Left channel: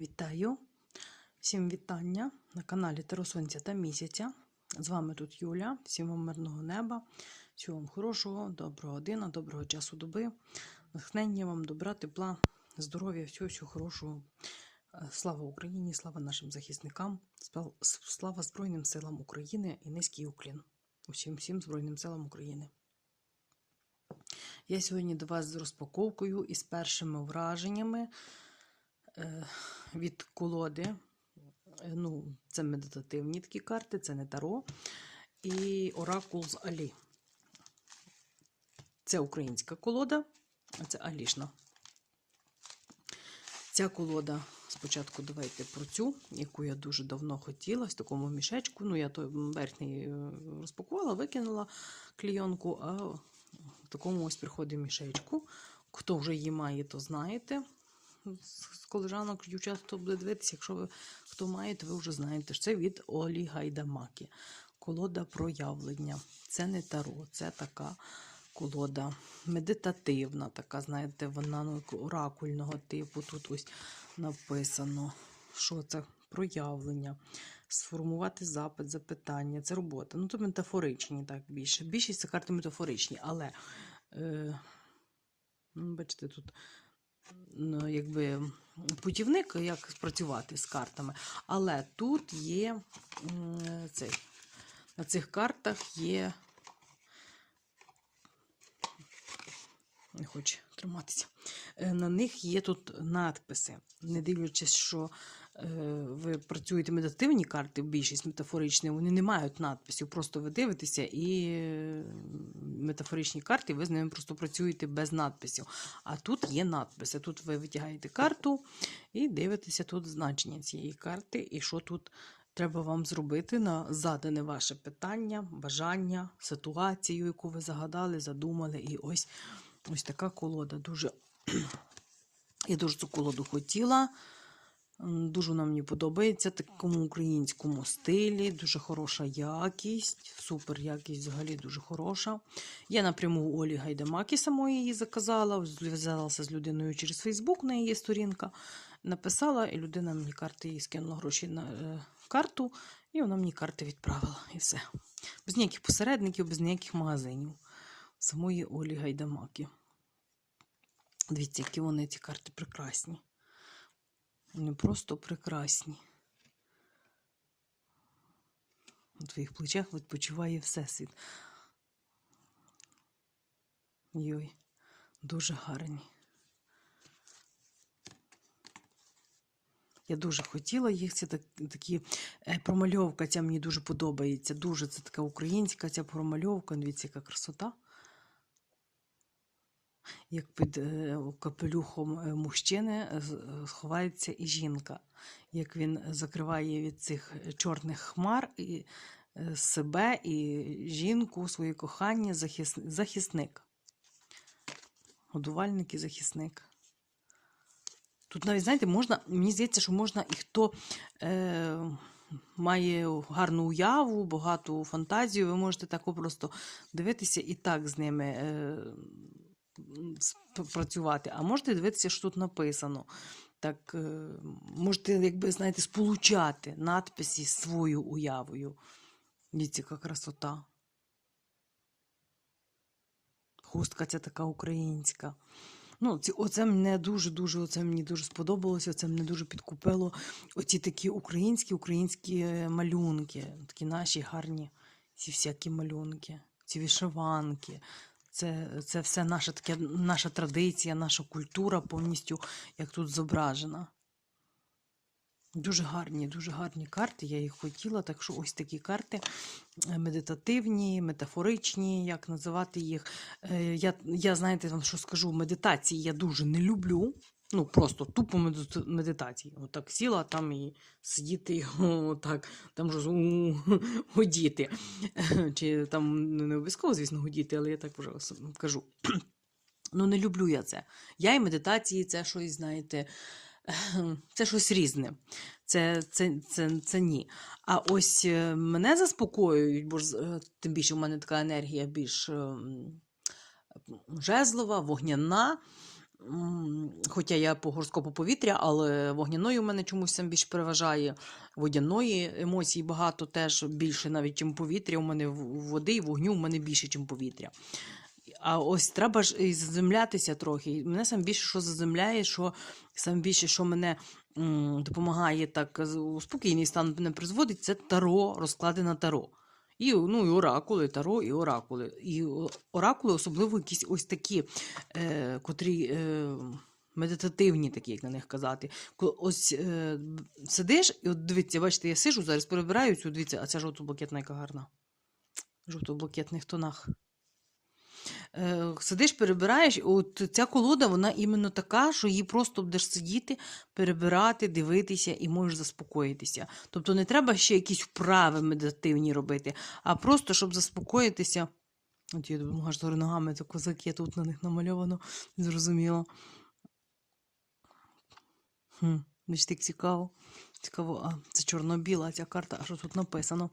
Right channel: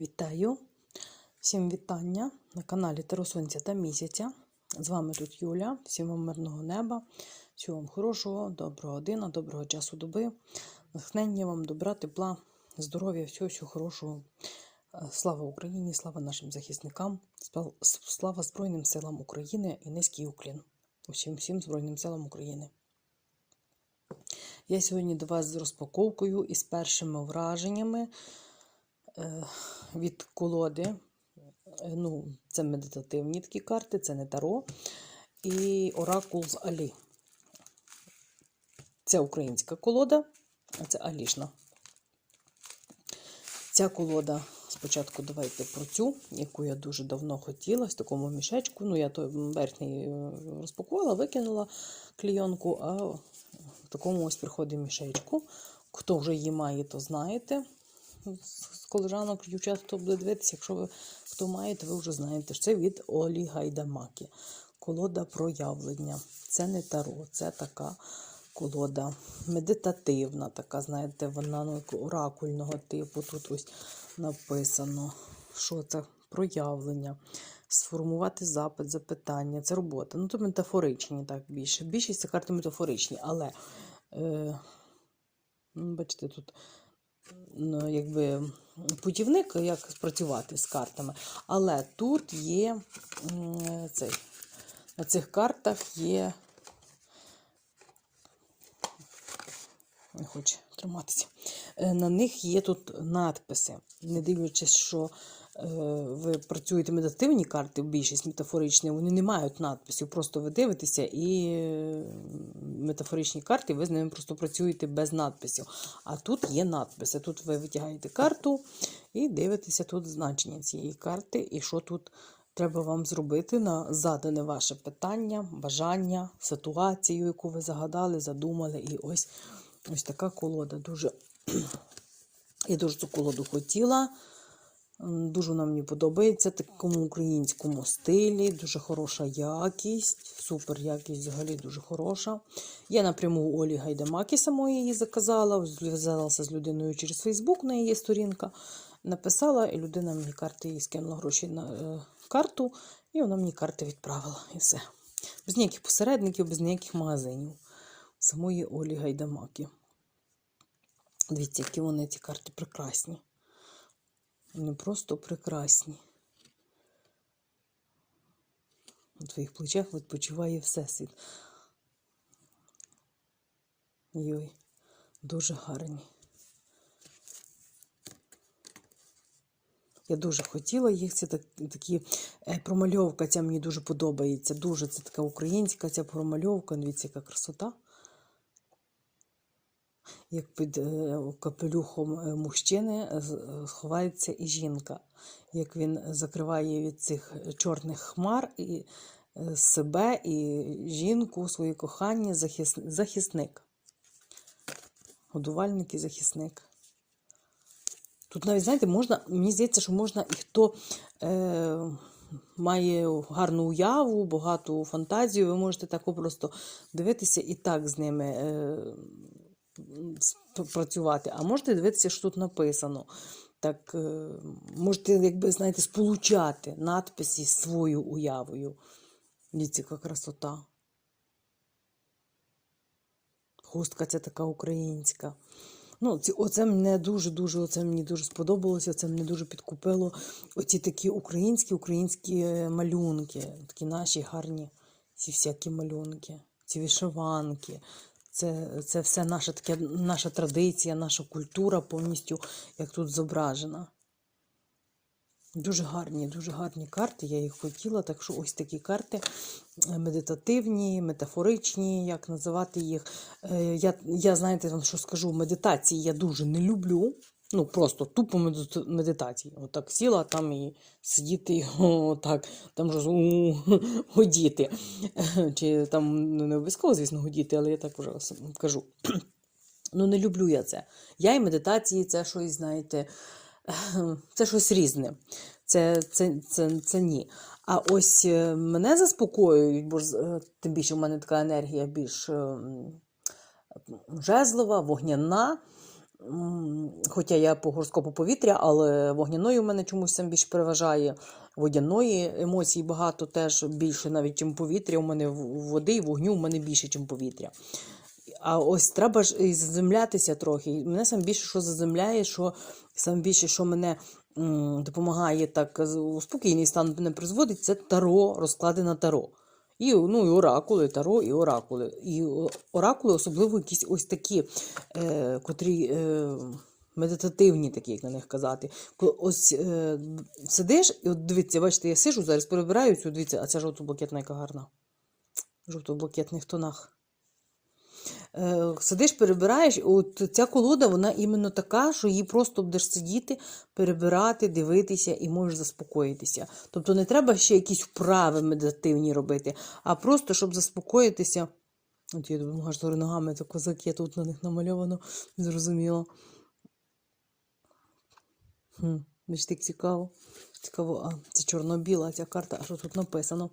Вітаю! Всім вітання на каналі Таро Сонця та Місяця. З вами тут Юля. Всім вам мирного неба, всього вам хорошого, доброго дина, доброго часу доби, натхнення вам, добра, тепла, здоров'я, всього, всього хорошого. Е, Слава Україні, слава нашим захисникам, слава Збройним силам України і низький уклін. Усім всім Збройним силам України. Я сьогодні до вас з розпаковкою і з першими враженнями від колоди. Е, Ну, це медитативні такі карти, це не таро. І Оракул з Алі. Це українська колода, а це Алішна. Ця колода, спочатку давайте про цю, яку я дуже давно хотіла, в такому мішечку. Ну, я той верхній е, розпакувала, викинула клійонку, а в такому ось приходить мішечку. Хто вже її має, то знаєте. З колежанок, дівчат, хто буде дивитися, якщо ви хто має, ви вже знаєте, це від Олі Гайдамакі. Колода проявлення. Це не таро, це така колода медитативна, така, знаєте, вона ну, оракульного типу. Тут ось написано, що це проявлення. Сформувати запит, запитання, це робота. Ну, то метафоричні, так більше. Більшість це карти метафоричні, але е, ну, бачите, тут ну, якби путівник, як працювати з картами. Але тут є цей, на цих картах є. Не хоче триматися. Е, На них є тут надписи. Не дивлячись, що е, ви працюєте медитативні карти, більшість метафоричні, вони не мають надписів. Просто ви дивитеся і метафоричні карти, ви з ними просто працюєте без надписів. А тут є надписи. Тут ви витягаєте карту і дивитеся тут значення цієї карти, і що тут треба вам зробити на задане ваше питання, бажання, ситуацію, яку ви загадали, задумали. І ось ось така колода. Дуже я дуже цю колоду хотіла. Дуже вона мені подобається такому українському стилі, дуже хороша якість, супер якість взагалі дуже хороша. Я напряму у Олі Гайдамакі самої її заказала, зв'язалася з людиною через Фейсбук на її сторінка. Написала, і людина мені карти їй скинула гроші на е, карту, і вона мені карти відправила. І все. Без ніяких посередників, без ніяких магазинів. Самої Олі Гайдамакі. Дивіться, які вони ці карти прекрасні. Вони просто прекрасні. На твоїх плечах відпочиває Всесвіт. Йой, дуже гарні. Я дуже хотіла їх. Це так, такі е, промальовка, ця мені дуже подобається. Дуже це така українська ця промальовка. Дивіться, яка красота. Як під е, капелюхом е, мужчини е, з- е, ховається і жінка. Як він закриває від цих чорних хмар і себе, і жінку, своє кохання, захис... захисник. Годувальник і захисник. Тут навіть, знаєте, можна, мені здається, що можна і хто е, має гарну уяву, багату фантазію, ви можете так просто дивитися і так з ними працювати. А можете дивитися, що тут написано. Так, е, можете, якби, знаєте, сполучати надписи з своєю уявою. Дивіться, красота. Хустка ця така українська. Ну, оце мене дуже-дуже, оце мені дуже сподобалося, оце мене дуже підкупило. Оці такі українські, українські е, малюнки, такі наші гарні, ці всякі малюнки, ці вишиванки. Це, це все наша таке, наша традиція, наша культура повністю як тут зображена. Дуже гарні, дуже гарні карти, я їх хотіла. Так що ось такі карти е, медитативні, метафоричні, як називати їх. Е, Я, я знаєте, вам що скажу, медитації я дуже не люблю. Ну, просто тупо медит- медитації. Отак сіла там і сидіти, отак, там вже гудіти. Чи там ну, не обов'язково, звісно, гудіти, але я так вже кажу. Ну, не люблю я це. Я і медитації це щось, знаєте, це щось різне. Це, це, це, це ні. А ось е, мене заспокоюють, бо ж, е, тим більше в мене така енергія більш е, жезлова, вогняна. Хоча я по гороскопу повітря, але вогняною в мене чомусь сам більш переважає. Водяної емоцій багато теж більше навіть, ніж повітря. У мене води і вогню у мене більше, ніж повітря. А ось треба ж і заземлятися трохи. Мене сам більше що заземляє, що сам більше, що мене допомагає так у спокійний стан мене призводить, це таро, розклади на таро. І, ну, і оракули, таро, і оракули. І оракули, особливо якісь ось такі, е, котрі е, медитативні, такі, як на них казати. Ось е, сидиш, і от дивіться, бачите, я сижу зараз, перебираю цю, дивіться, а ця жовто-блакитна, яка гарна. В жовто-блакитних тонах. Е, сидиш, перебираєш, от ця колода, вона іменно така, що її просто будеш сидіти, перебирати, дивитися і можеш заспокоїтися. Тобто не треба ще якісь вправи медитативні робити, а просто, щоб заспокоїтися. От я думаю, аж ногами це козаки тут на них намальовано, зрозуміло. Хм, бачите, як цікаво. Цікаво, а це чорно-біла ця карта, а що тут написано?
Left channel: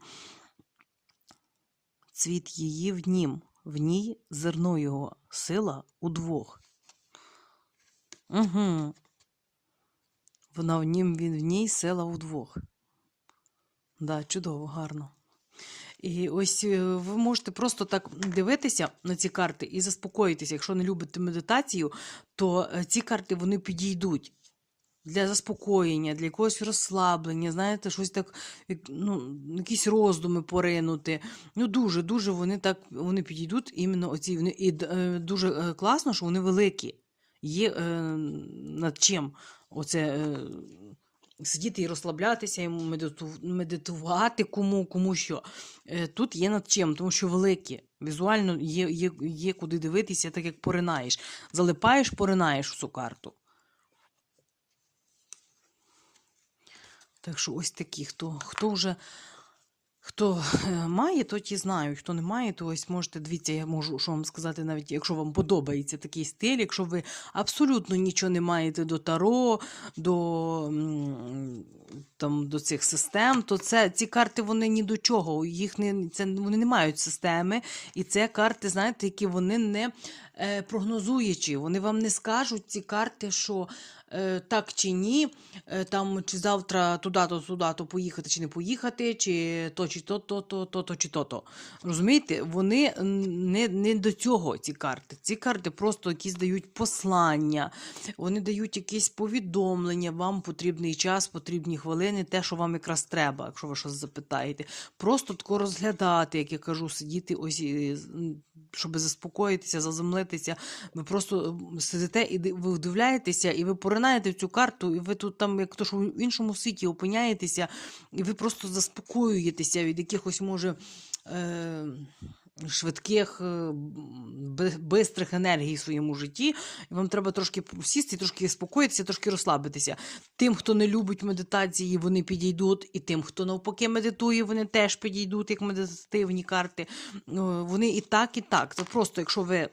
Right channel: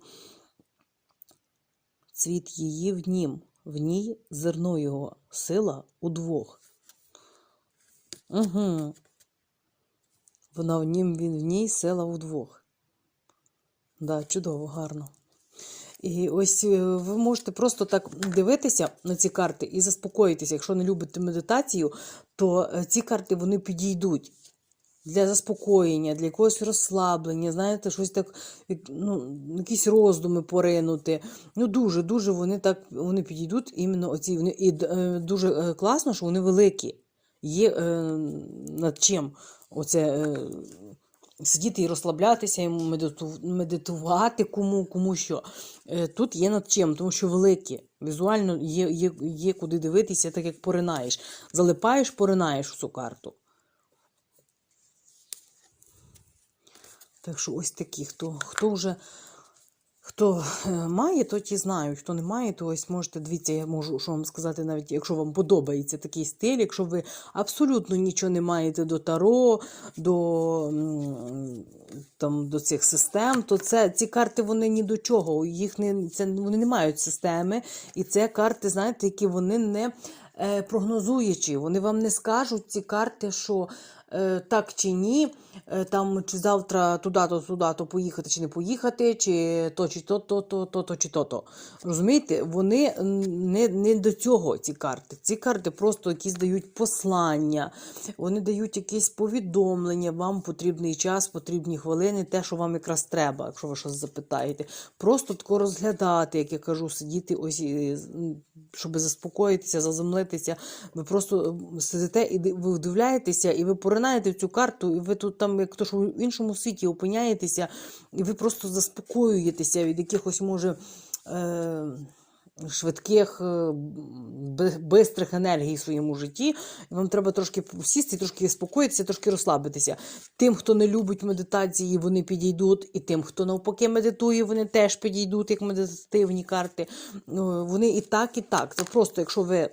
Цвіт її в нім, в ній зерно його, сила удвох. Угу. Вона в нім, він в ній, сила удвох. Да, чудово, гарно. І ось е, ви можете просто так дивитися на ці карти і заспокоїтися. Якщо не любите медитацію, то е, ці карти вони підійдуть для заспокоєння, для якогось розслаблення, знаєте, щось так, ну, якісь роздуми поринути. Ну, дуже, дуже вони так вони підійдуть іменно оці. Вони, і е, дуже е, класно, що вони великі. Є е, над чим оце. Е, Сидіти і розслаблятися, і медиту- медитувати кому, кому що. Е, Тут є над чим, тому що великі. Візуально є, є, є куди дивитися, так як поринаєш. Залипаєш, поринаєш в цю карту. Так що ось такі, хто, хто вже хто е, має, то ті знають. Хто не має, то ось можете дивіться, я можу що вам сказати, навіть якщо вам подобається такий стиль, якщо ви абсолютно нічого не маєте до таро, до, там, до цих систем, то це ці карти вони ні до чого. Їх не це вони не мають системи. І це карти, знаєте, які вони не е, прогнозуючі. Вони вам не скажуть ці карти, що так чи ні, е, там чи завтра туди-то, туди-то поїхати, чи не поїхати, чи то, чи то, то, то, то, то, чи то, то. Розумієте, вони не, не до цього ці карти. Ці карти просто якісь дають послання, вони дають якісь повідомлення, вам потрібний час, потрібні хвилини, те, що вам якраз треба, якщо ви щось запитаєте. Просто тако розглядати, як я кажу, сидіти ось, щоб заспокоїтися, заземлитися. Ви просто сидите і ви вдивляєтеся, і ви поринаєте в цю карту, і ви тут там, як то що в іншому світі опиняєтеся, і ви просто заспокоюєтеся від якихось, може. Е- Швидких, е, бистрих енергій в своєму житті, і вам треба трошки сісти, трошки спокоїтися, трошки розслабитися. Тим, хто не любить медитації, вони підійдуть, і тим, хто навпаки медитує, вони теж підійдуть, як медитативні карти. Ну, Вони і так, і так. Це просто, якщо ви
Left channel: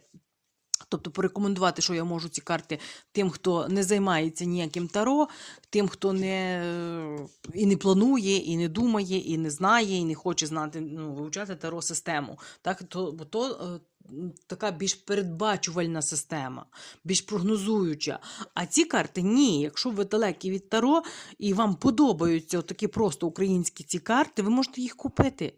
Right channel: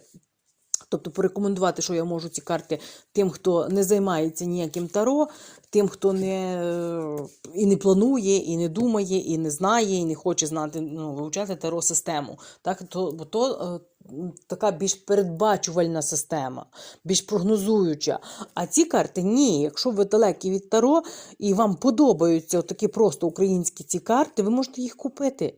Тобто порекомендувати, що я можу ці карти тим, хто не займається ніяким таро, тим, хто не е, і не планує, і не думає, і не знає, і не хоче знати, ну, вивчати таро систему. Так, то, то е, така більш передбачувальна система, більш прогнозуюча. А ці карти ні. Якщо ви далекі від таро і вам подобаються такі просто українські ці карти, ви можете їх купити.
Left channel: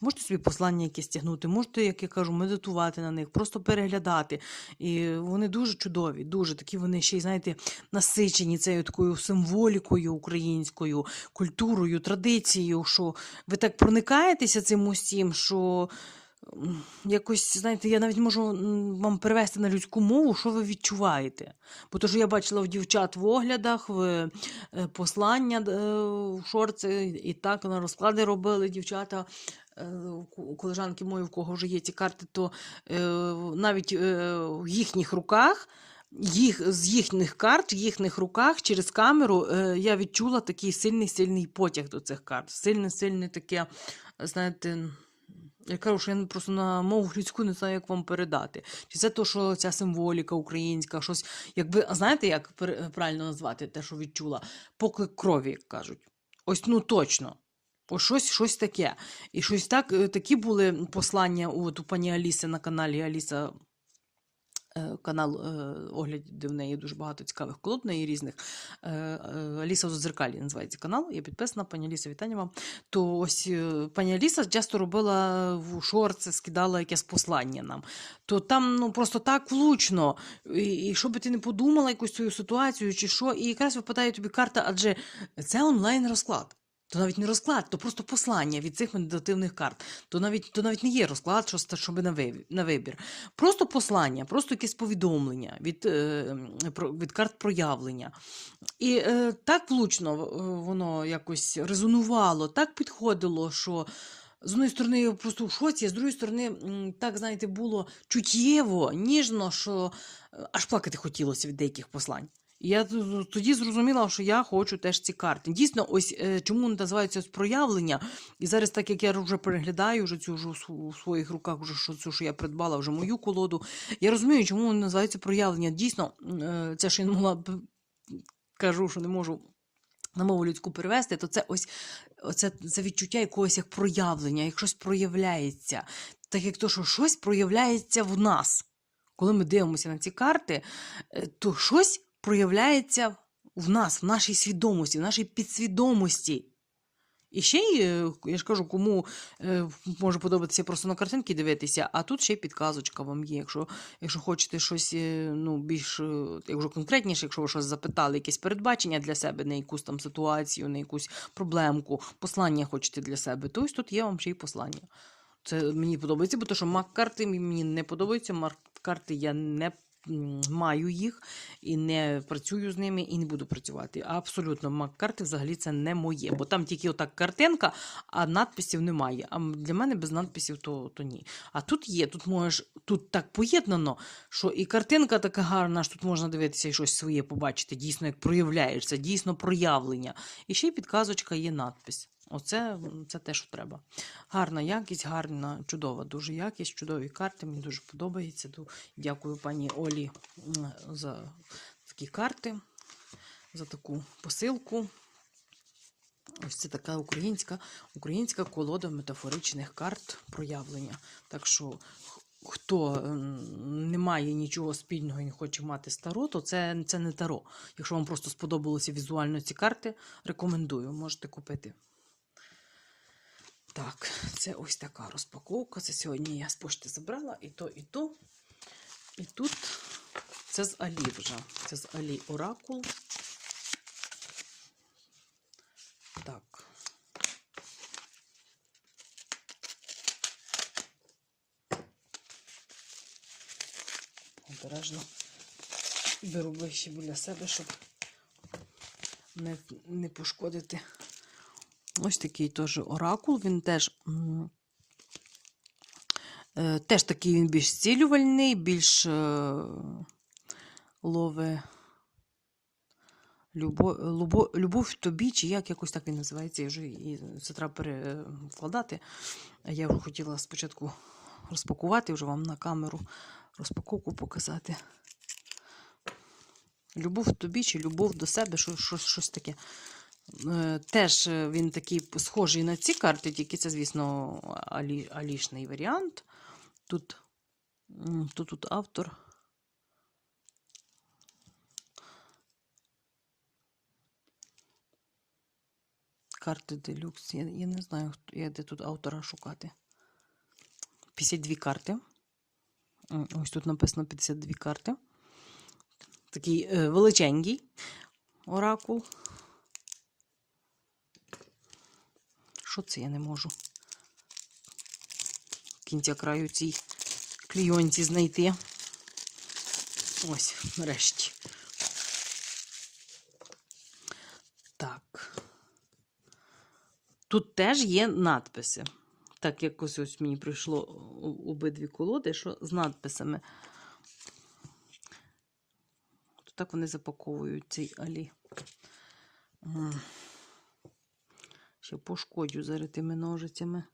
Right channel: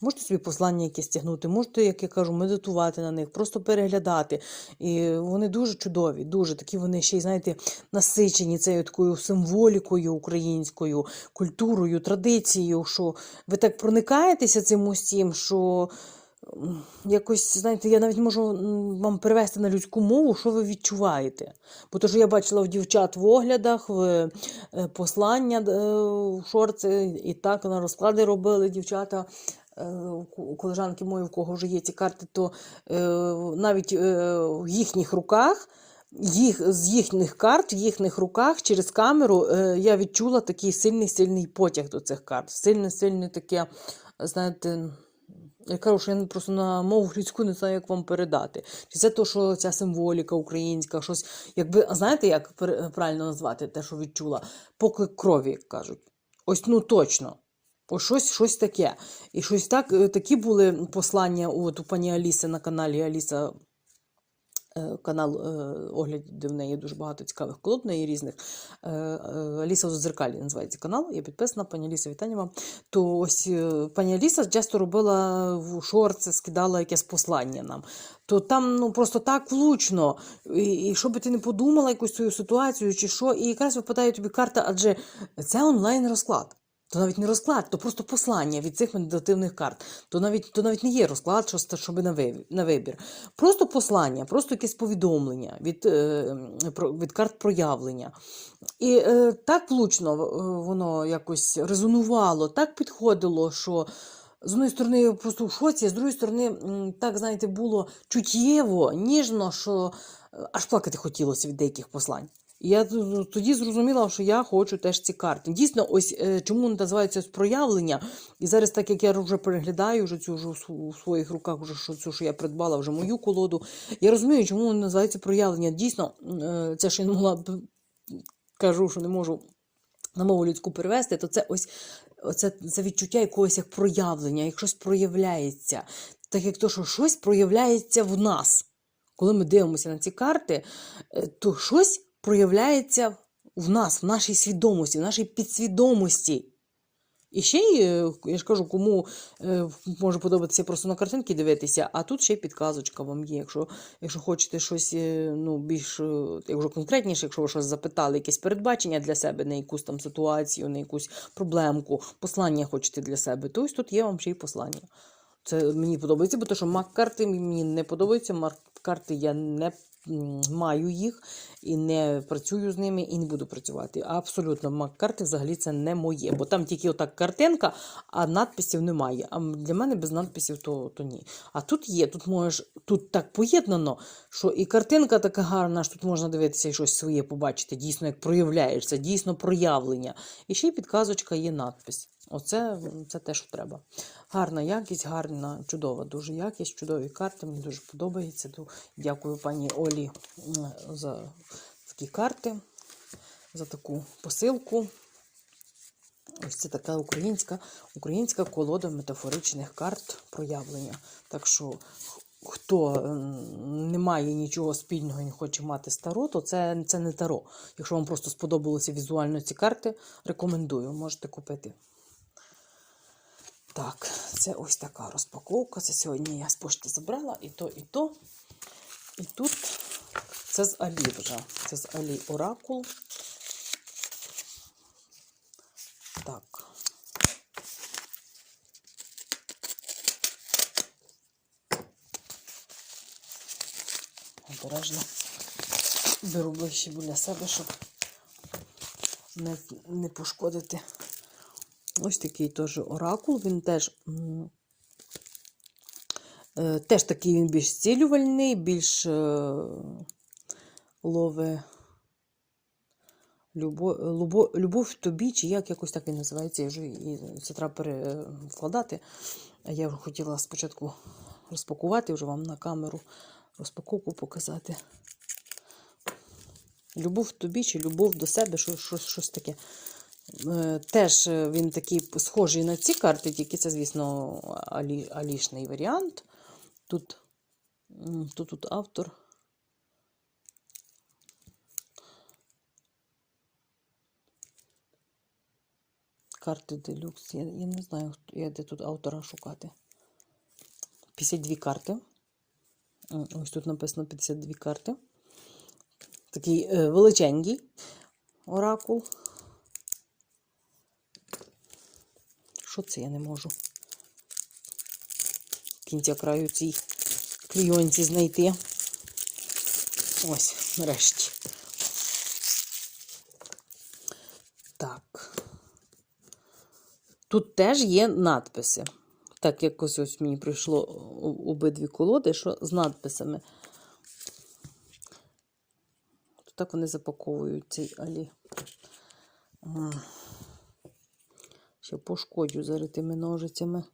Можете собі послання якесь тягнути, можете, як я кажу, медитувати на них, просто переглядати. І вони дуже чудові, дуже такі вони ще й, знаєте, насичені цією такою символікою українською, культурою, традицією, що ви так проникаєтеся цим усім, що якось, знаєте, я навіть можу вам перевести на людську мову, що ви відчуваєте. Бо то, що я бачила в дівчат в оглядах, в е, послання е, в шорці, і так на розклади робили дівчата. Е, у колежанки мої, в кого вже є ці карти, то е, навіть е, в їхніх руках, їх, з їхніх карт, в їхніх руках через камеру я відчула такий сильний сильний потяг до цих карт. Сильне, сильне таке, знаєте. Я кажу, що я просто на мову людську не знаю, як вам передати. Чи це то, що ця символіка українська, щось, якби, знаєте, як правильно назвати те, що відчула? Поклик крові, як кажуть. Ось ну точно. Ось щось, щось таке. І щось так, е, такі були послання от, у пані Аліси на каналі Аліса е, канал е, оглядів в неї дуже багато цікавих колод, неї різних. Аліса у називається канал. Я підписана, пані Аліса, вітання вам. То ось пані Аліса часто робила в шорти, скидала якесь послання нам. То там ну просто так влучно. І, і що би ти не подумала якусь свою ситуацію, чи що, і якраз випадає тобі карта, адже це онлайн розклад. То навіть не розклад, то просто послання від цих медитативних карт. То навіть, то навіть не є розклад, що, щоби на, вибір. Просто послання, просто якесь повідомлення від, е, від карт проявлення. І е, так влучно е, воно якось резонувало, так підходило, що з однієї сторони просто в шоці, а з другої сторони, так, знаєте, було чуттєво, ніжно, що аж плакати хотілося від деяких послань. Я тоді зрозуміла, що я хочу теж ці карти. Дійсно, ось е, чому називається проявлення. І зараз, так як я вже переглядаю вже цю вже в своїх руках, вже що цю, що я придбала, вже мою колоду. Я розумію, чому воно називається проявлення. Дійсно, е, це ще я не могла кажу, що не можу на мову людську перевести, то це ось оце, це відчуття якогось як проявлення, як щось проявляється. Так як то, що щось проявляється в нас. Коли ми дивимося на ці карти, е, то щось проявляється в нас, в нашій свідомості, в нашій підсвідомості. І ще е, я ж кажу, кому е, може подобатися просто на картинки дивитися, а тут ще підказочка вам є. Якщо, якщо хочете щось е, ну, більш якщо конкретніше, якщо ви щось запитали, якесь передбачення для себе, на якусь там ситуацію, на якусь проблемку, послання хочете для себе, то ось тут є вам ще й послання. Це мені подобається, бо то, що мак-карти мені не подобаються. Мак-карти я не маю їх і не працюю з ними, і не буду працювати. Абсолютно, мак-карти взагалі це не моє, бо там тільки отак картинка, а надписів немає. А для мене без надписів то, то ні. А тут є, тут можеш, тут так поєднано, що і картинка така гарна, що тут можна дивитися і щось своє побачити, дійсно, як проявляєшся, дійсно проявлення. І ще й підказочка є надпис. Оце це те, що треба. Гарна якість, гарна, чудова, дуже якість, чудові карти. Мені дуже подобається. Дякую пані Олі за такі карти, за таку посилку. Ось це така українська, українська колода метафоричних карт проявлення. Так що, хто не має нічого спільного і не хоче мати з таро, то це, це не таро. Якщо вам просто сподобалося візуально ці карти, рекомендую, можете купити. Так, це ось така розпаковка. Це сьогодні я з пошти забрала і то, і то. І тут це з Алі вже. Це з Алі Оракул. Так. Обережно беру ближче біля себе, щоб не, не пошкодити. Ось такий теж оракул. Він теж, е, теж такий він більш зцілювальний, більш е, лове любов, любов, любов тобі, чи як якось так він називається. Я вже і це треба перекладати. А я вже хотіла спочатку розпакувати вже вам на камеру розпаковку показати. Любов тобі чи любов до себе, щось, щось таке. Е, Теж е, він такий схожий на ці карти, тільки це, звісно, алі, алішний варіант. Тут, тут, тут автор. Карти делюкс. Я, я не знаю, хто- я де тут автора шукати. 52 карти. Ось тут написано 52 карти. Такий е, величенький оракул. Що це я не можу? Кінця краю цій клійонці знайти. Ось, нарешті. Так. Тут теж є надписи. Так, якось ось мені прийшло обидві колоди, що з надписами. То так вони запаковують цей алі. Ще пошкодю зараз тими ножицями.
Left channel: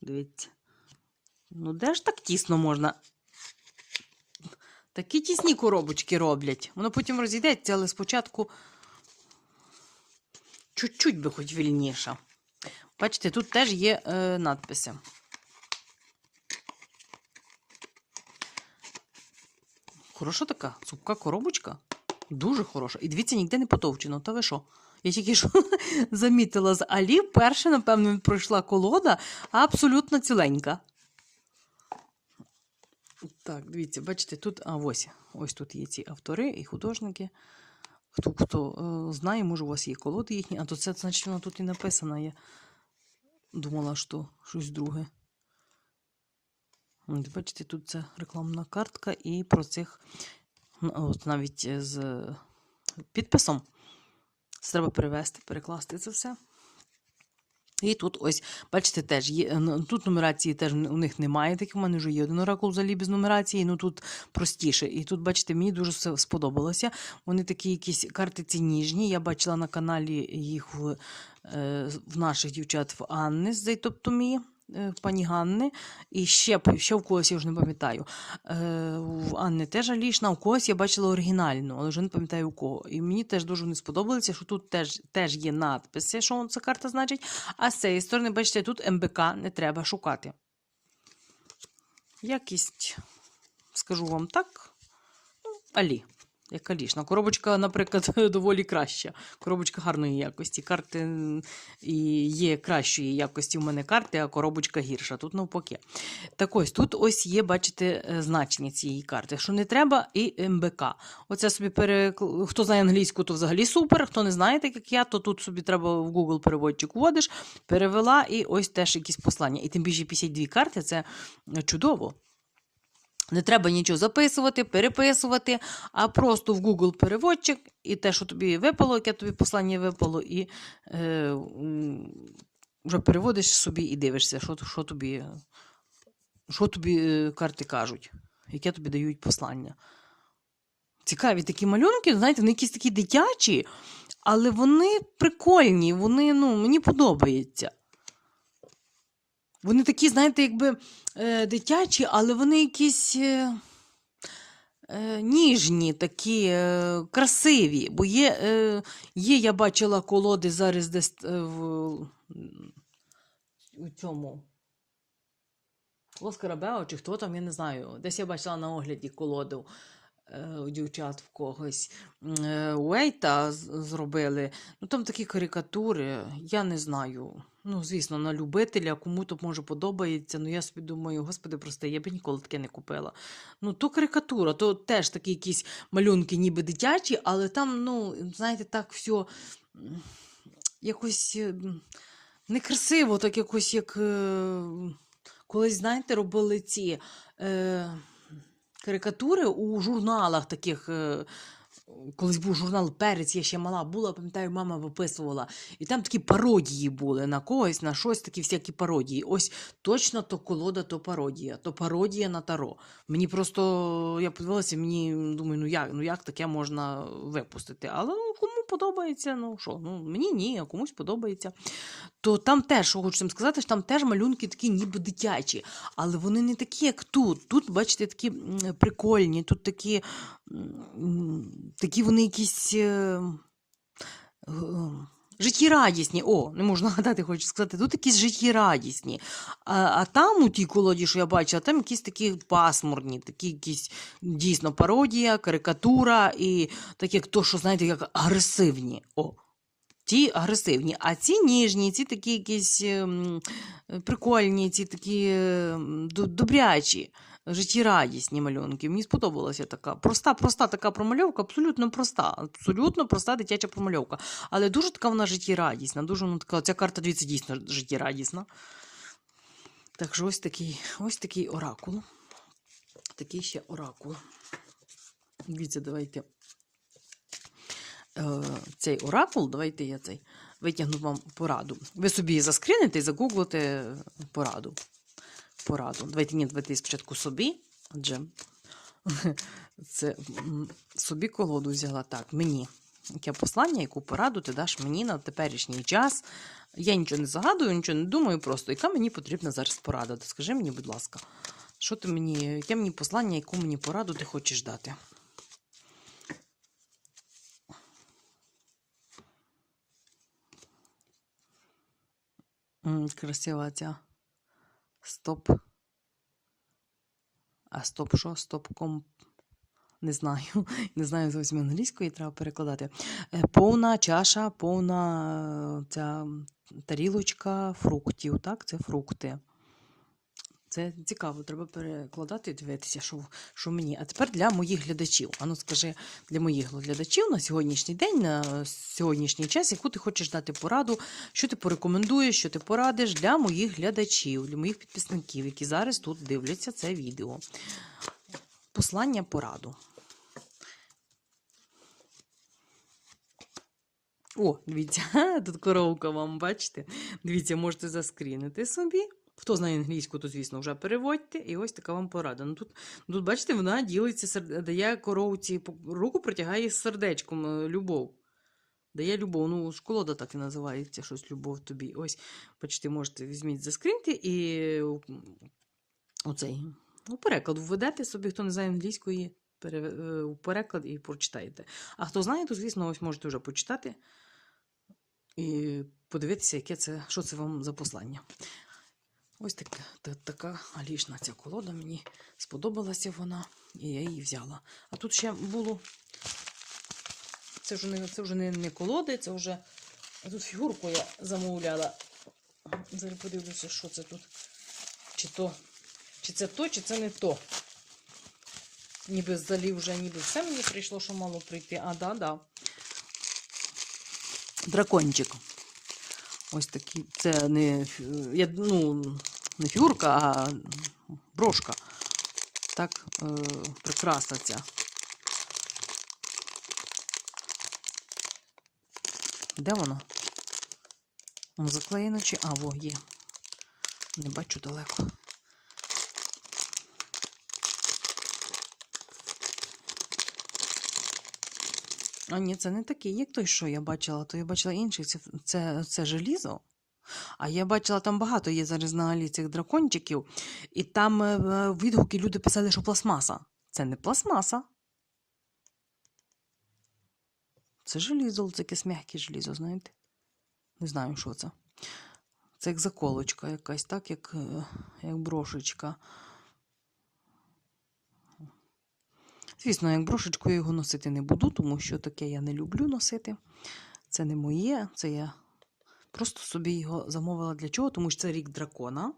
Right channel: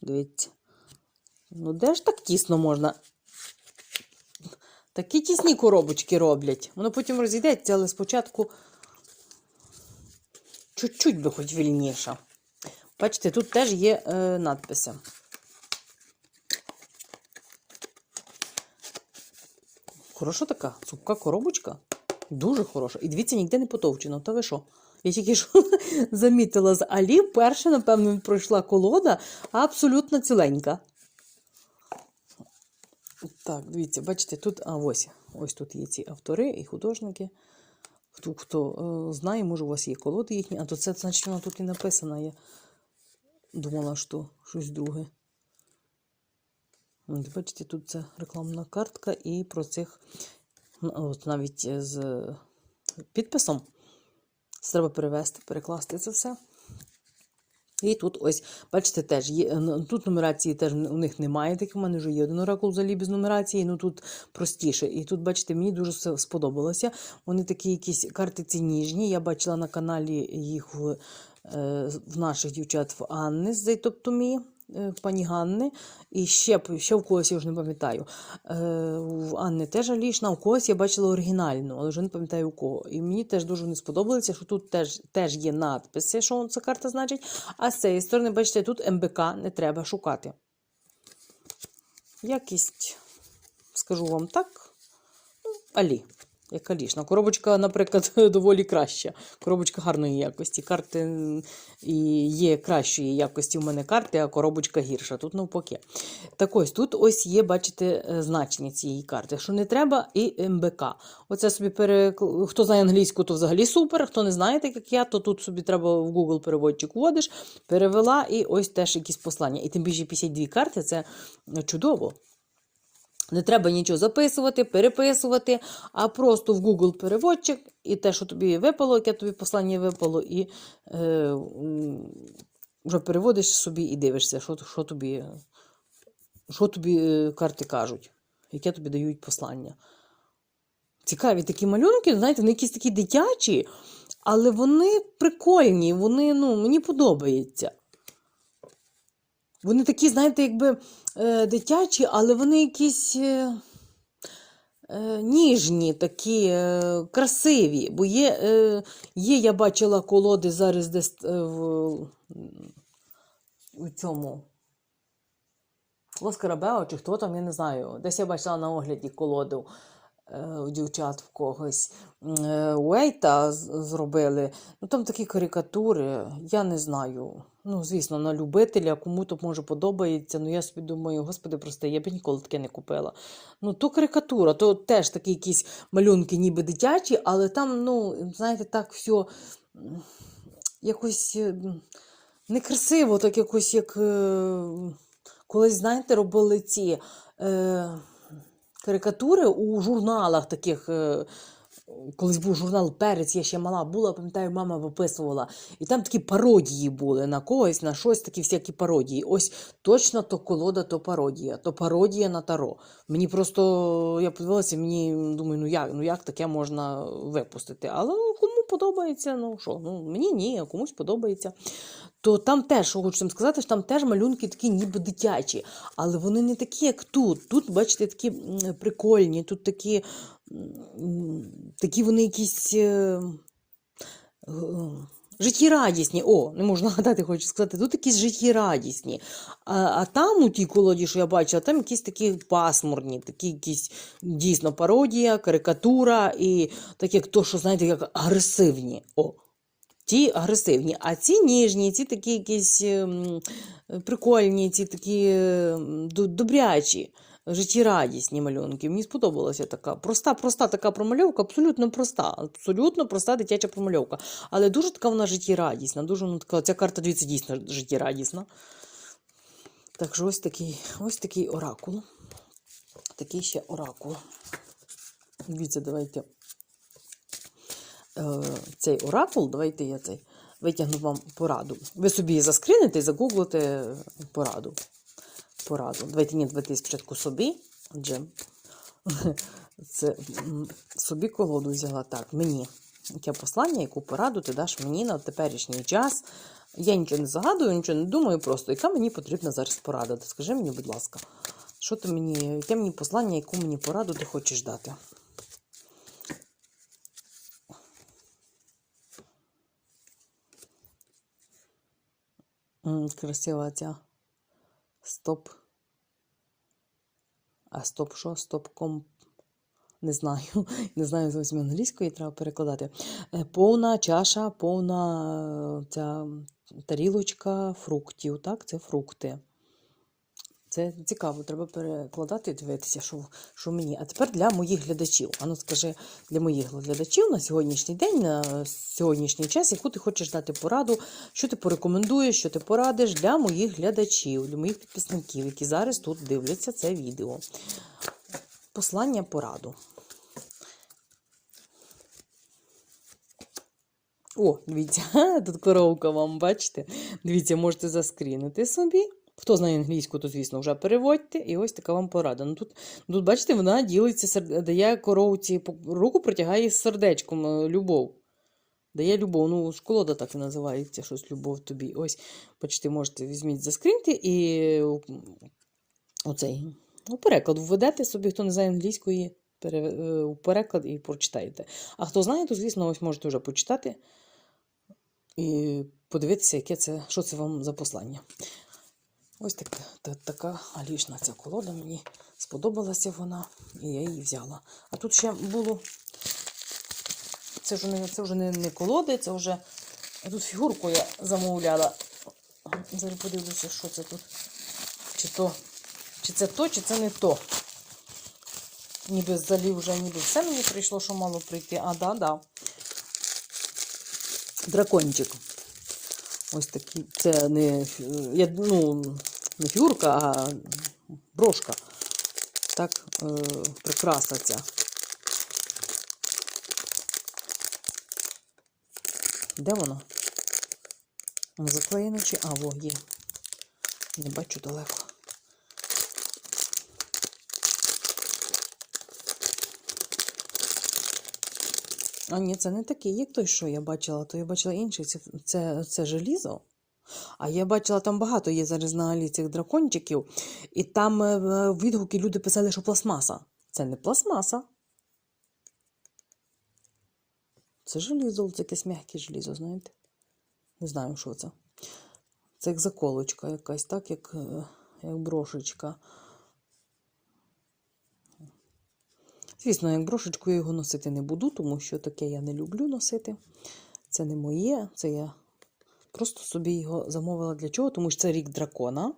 Дивіться. Ну, де ж так тісно можна? Такі тісні коробочки роблять. Воно потім розійдеться, але спочатку чуть-чуть би хоч вільніше. Бачите, тут теж є е, надписи. Хороша така цупка коробочка. Дуже хороша. І дивіться, ніде не потовчено. Та ви що? Я тільки що замітила з Алі, вперше, напевно, пройшла колода абсолютно ціленька. Так, дивіться, бачите, тут, а ось, ось тут є ці автори і художники. Хто хто е, знає, може, у вас є колоди їхні, а то це, значить, вона тут і написана. Я думала, що щось друге. Бачите, тут це рекламна картка, і про цих ну, от навіть з підписом. Треба перевести, перекласти це все. І тут ось, бачите, теж є. Тут нумерації теж у них немає. Так у мене вже є один оракул взагалі без нумерації, ну тут простіше. І тут, бачите, мені дуже все сподобалося. Вони такі якісь карти ці ніжні. Я бачила на каналі їх в, е, в наших дівчат в Анни з Зайтоптомії. Е, Пані Ганни, і ще, ще в когось я вже не пам'ятаю. Е, в Анни теж Алішна, у когось я бачила оригінальну, але вже не пам'ятаю у кого. І мені теж дуже не сподобалося, що тут теж, теж є надписи, що ця карта значить. А з цієї сторони, бачите, тут МБК не треба шукати. Якість, скажу вам так, ну, Алі. Як Алішна. Коробочка, наприклад, доволі краща. Коробочка гарної якості. Карти і є кращої якості у мене карти, а коробочка гірша. Тут навпаки. Так ось тут ось є, бачите, е, значення цієї карти. Що не треба, і МБК. Оце собі перекл... Хто знає англійську, то взагалі супер. Хто не знає, так як я, то тут собі треба в Google переводчик вводиш, перевела, і ось теж якісь послання. І тим більше 52 карти це чудово. Не треба нічого записувати, переписувати, а просто в Google переводчик, і те, що тобі випало, яке тобі послання випало, і е, вже переводиш собі і дивишся, що, що тобі, що тобі е, карти кажуть, яке тобі дають послання. Цікаві такі малюнки, знаєте, вони якісь такі дитячі, але вони прикольні, вони, ну, мені подобаються. Вони такі, знаєте, якби е, дитячі, але вони якісь е, е, ніжні, такі е, красиві. Бо є, е, є, я бачила колоди зараз десь е, в, цьому. Лоскарабео, чи хто там, я не знаю. Десь я бачила на огляді колоду у дівчат в когось. Е, Уейта зробили. Ну там такі карикатури, я не знаю. Ну, звісно, на любителя, кому то може подобається. Ну я собі думаю, господи, просто я б ніколи таке не купила. Ну, то карикатура, то теж такі якісь малюнки, ніби дитячі, але там, ну, знаєте, так все якось е, некрасиво, так якось як. е, Колись, знаєте, робили ці е, карикатури у журналах таких. Е, колись був журнал Перець, я ще мала була, пам'ятаю, мама виписувала. І там такі пародії були на когось, на щось, такі всякі пародії. Ось точно то колода, то пародія, то пародія на таро. Мені просто я подивилася, мені думаю, ну як, ну як таке можна випустити? Але ну, подобається, ну що, ну мені ні, а комусь подобається. То там теж, хочу сказати, що там теж малюнки такі ніби дитячі, але вони не такі, як тут. Тут, бачите, такі прикольні, тут такі, такі вони якісь. Життєрадісні, о, не можу нагадати, хочу сказати, тут якісь життєрадісні. А, а там у тій колоді, що я бачила, там якісь такі пасмурні, такі якісь дійсно пародія, карикатура і такі, як то, що знаєте, як агресивні. О, ті агресивні, а ці ніжні, ці такі якісь ем, прикольні, ці такі ем, добрячі, життєрадісні малюнки. Мені сподобалася така проста, проста така промальовка, абсолютно проста, абсолютно проста дитяча промальовка. Але дуже така вона життєрадісна, дуже ну, така, ця карта, дивіться, дійсно життєрадісна. Так що ось такий, ось такий оракул. Такий ще оракул. Дивіться, давайте е, цей оракул, давайте я цей витягну вам пораду. Ви собі заскрините і загуглите пораду. Пораду. Давайте ні, давайте спочатку собі, адже це собі колоду взяла так, мені. Яке послання, яку пораду ти даш мені на теперішній час. Я нічого не загадую, нічого не думаю, просто яка мені потрібна зараз порада. Ти Скажи мені, будь ласка, що ти мені, яке мені послання, яку мені пораду ти хочеш дати? Красива ця. Стоп. А стоп що? Стоп комп. Не знаю. Не знаю зовсім англійської, треба перекладати. Е, Повна чаша, повна е, ця тарілочка фруктів. Так, це фрукти. Це цікаво, треба перекладати і дивитися, що, що мені. А тепер для моїх глядачів. Ану, скажи для моїх глядачів на сьогоднішній день, на сьогоднішній час, яку ти хочеш дати пораду, що ти порекомендуєш, що ти порадиш для моїх глядачів, для моїх підписників, які зараз тут дивляться це відео. Послання пораду. О, дивіться, тут коровка вам, бачите? Дивіться, можете заскрінити собі. Хто знає англійську, то, звісно, вже переводьте. І ось така вам порада. Ну, тут, тут бачите, вона ділиться, дає коровці, руку протягає з сердечком е, любов. Дає любов. Ну, школода так і називається, щось любов тобі. Ось, бачите, можете візьміть заскріньте і оцей у переклад введете собі, хто не знає англійської, пере, е, у переклад і прочитаєте. А хто знає, то, звісно, ось можете вже почитати і подивитися, яке це, що це вам за послання. Ось так, та, така алішна ця колода. Мені сподобалася вона, і я її взяла. А тут ще було. Це вже не, це вже не, не колоди, це вже. Тут фігурку я замовляла. Зараз подивлюся, що це тут. Чи то, чи це то, чи це не то. Ніби взагалі вже ніби все мені прийшло, що мало прийти. А, да, да. Дракончик. Ось такий. Це не, я, ну, не фігурка, а брошка. Так, е, прикраса ця. Де вона? Вона заклеєна чи. А, во, є. Не бачу далеко. А ні, це не такий, як той, що я бачила, то я бачила інший. Це, це, це желізо. А я бачила, там багато є зараз на Алі цих дракончиків, і там е, е, відгуки люди писали, що пластмаса. Це не пластмаса. Це желізо, це якесь м'яке желізо, знаєте? Не знаю, що це. Це як заколочка якась, так, як, е, як брошечка. Звісно, як брошечку я його носити не буду, тому що таке я не люблю носити. Це не моє, це я просто собі його замовила для чого, тому що це рік дракона.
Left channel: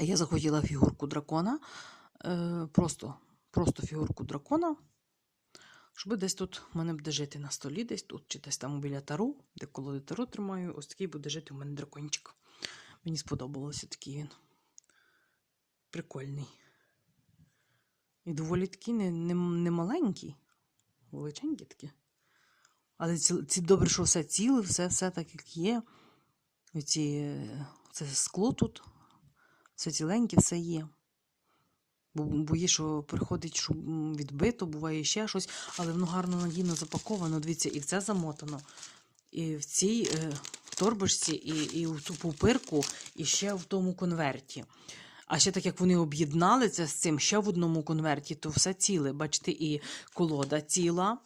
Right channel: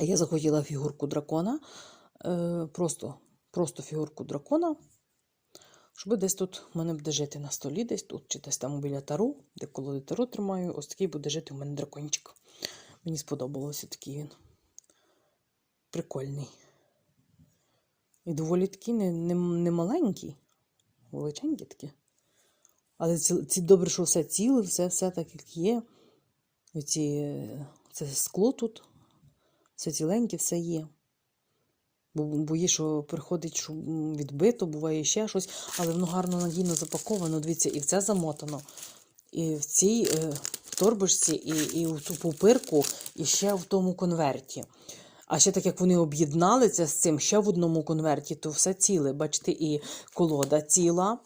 Я захотіла фігурку дракона. Е, просто, просто фігурку дракона. Щоб десь тут в мене буде жити на столі, десь тут, чи десь там біля тару, де колоди тару тримаю, ось такий буде жити у мене дракончик. Мені сподобалося такий він. Прикольний. І доволі такий не, не, не маленький, величенький такий. Але ці, добре, що все ціле, все, все так, як є. Ці, е, це скло тут, все ціленьке, все є. Бо бої, що приходить, що відбито, буває ще щось, але воно гарно надійно запаковано. Дивіться, і в це замотано. І в цій е, торбочці, і, і в ту пупирку, і ще в тому конверті. А ще так як вони об'єднали це з цим ще в одному конверті, то все ціле. Бачите, і колода ціла.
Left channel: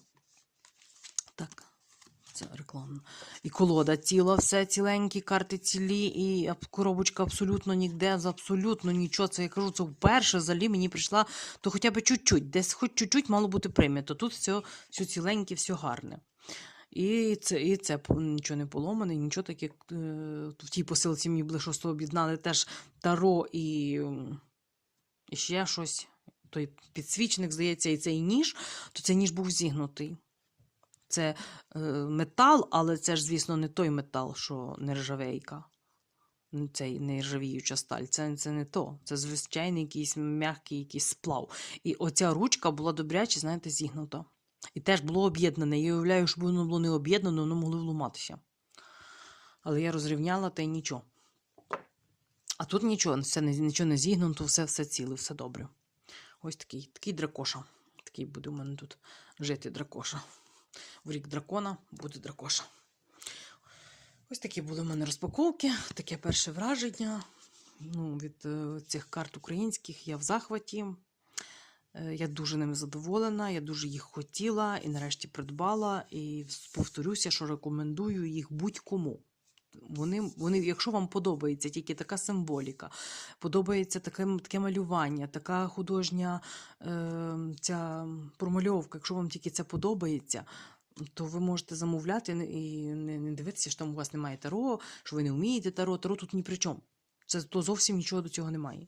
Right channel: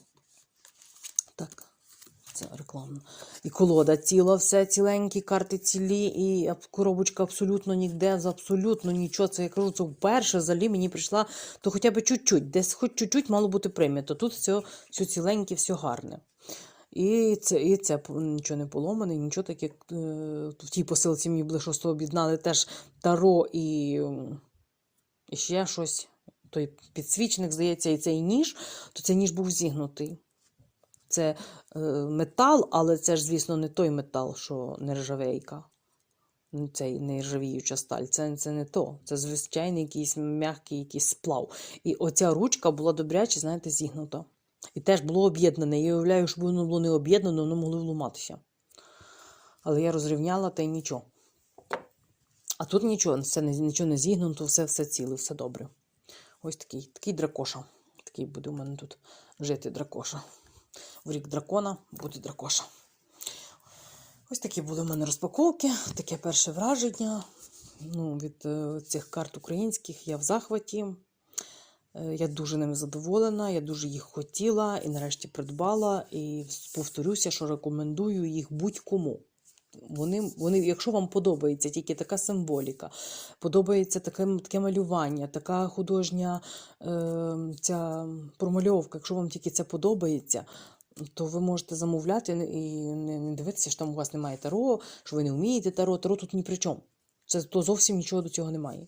Так, це рекламно. І колода ціла, все ціленькі, карти цілі, і коробочка абсолютно ніде, за абсолютно нічого. Це я кажу, це вперше взагалі мені прийшла, то хоча б чуть-чуть, десь хоч чуть-чуть мало бути прийнято. Тут все, все ціленьке, все гарне. І це, і це нічого не поломане, нічого таке. Е, в тій посилці мені були що об'єднали теж таро і, і ще щось. Той підсвічник, здається, і цей ніж, то цей ніж був зігнутий. Це е, метал, але це ж, звісно, не той метал, що нержавейка. Ну, Цей нержавіюча сталь. Це, це не то. Це звичайний якийсь м'який якийсь сплав. І оця ручка була добряче, знаєте, зігнута. І теж було об'єднане. Я уявляю, що воно було не об'єднано, воно могло вламатися. Але я розрівняла та й нічого. А тут нічого, все, нічого не зігнуто, все, все ціле, все добре. Ось такий, такий дракоша. Такий буде у мене тут жити дракоша. В рік дракона буде дракоша. Ось такі були в мене розпаковки, таке перше враження. Ну, від е, цих карт українських я в захваті. Е, Я дуже ними задоволена, я дуже їх хотіла і нарешті придбала. І повторюся, що рекомендую їх будь-кому. Вони, вони, якщо вам подобається тільки така символіка, подобається таке, таке малювання, така художня е, ця промальовка, якщо вам тільки це подобається, то ви можете замовляти і не, дивитися, що там у вас немає таро, що ви не вмієте таро. Таро тут ні при чому. Це то зовсім нічого до цього немає.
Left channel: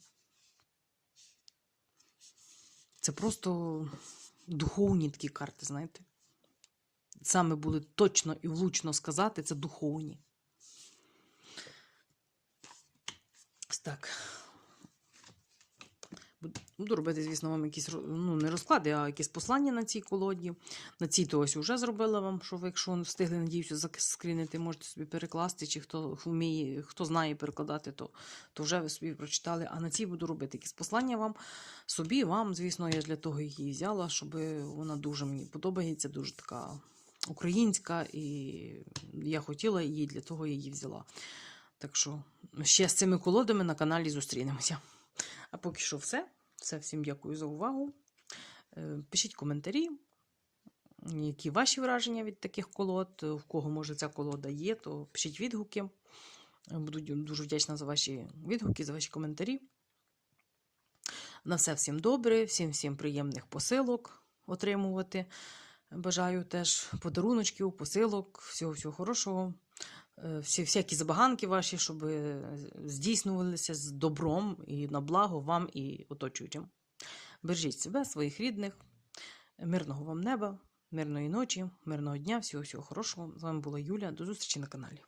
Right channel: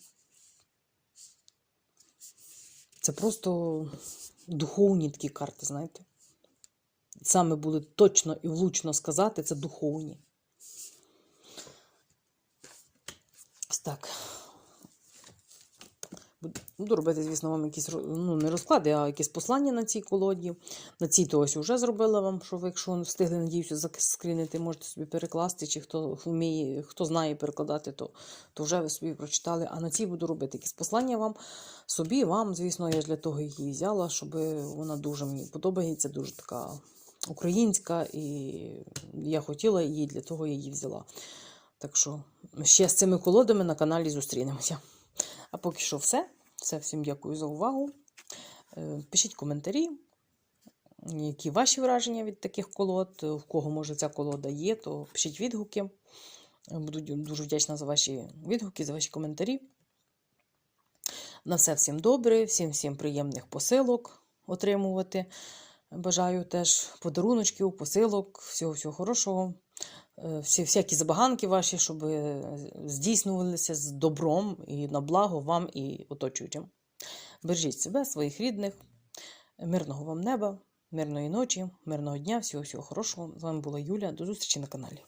Це просто духовні такі карти, знаєте. Саме буде точно і влучно сказати, це духовні. Так. Буду- Буду робити, звісно, вам якісь ну, не розклади, а якісь послання на цій колоді. На цій то ось вже зробила вам, що ви, якщо встигли, надіюся, заскрінити, можете собі перекласти, чи хто вміє, хто знає перекладати, то, то вже ви собі прочитали. А на цій буду робити якісь послання вам, собі, вам, звісно, я ж для того її взяла, щоб вона дуже мені подобається, дуже така українська, і я хотіла її, для того я її взяла. Так що ще з цими колодами на каналі зустрінемося. А поки що все. Все, всім дякую за увагу. Е, Пишіть коментарі, які ваші враження від таких колод, в кого може ця колода є, то пишіть відгуки. Буду дуже вдячна за ваші відгуки, за ваші коментарі. На все всім добре, всім всім приємних посилок отримувати. Бажаю теж подаруночків, посилок, всього всього хорошого. Е, Всі, всякі забаганки ваші, щоб е, здійснювалися з добром і на благо вам і оточуючим. Бережіть себе, своїх рідних, мирного вам неба, мирної ночі, мирного дня, всього всього хорошого. З вами була Юля. До зустрічі на каналі.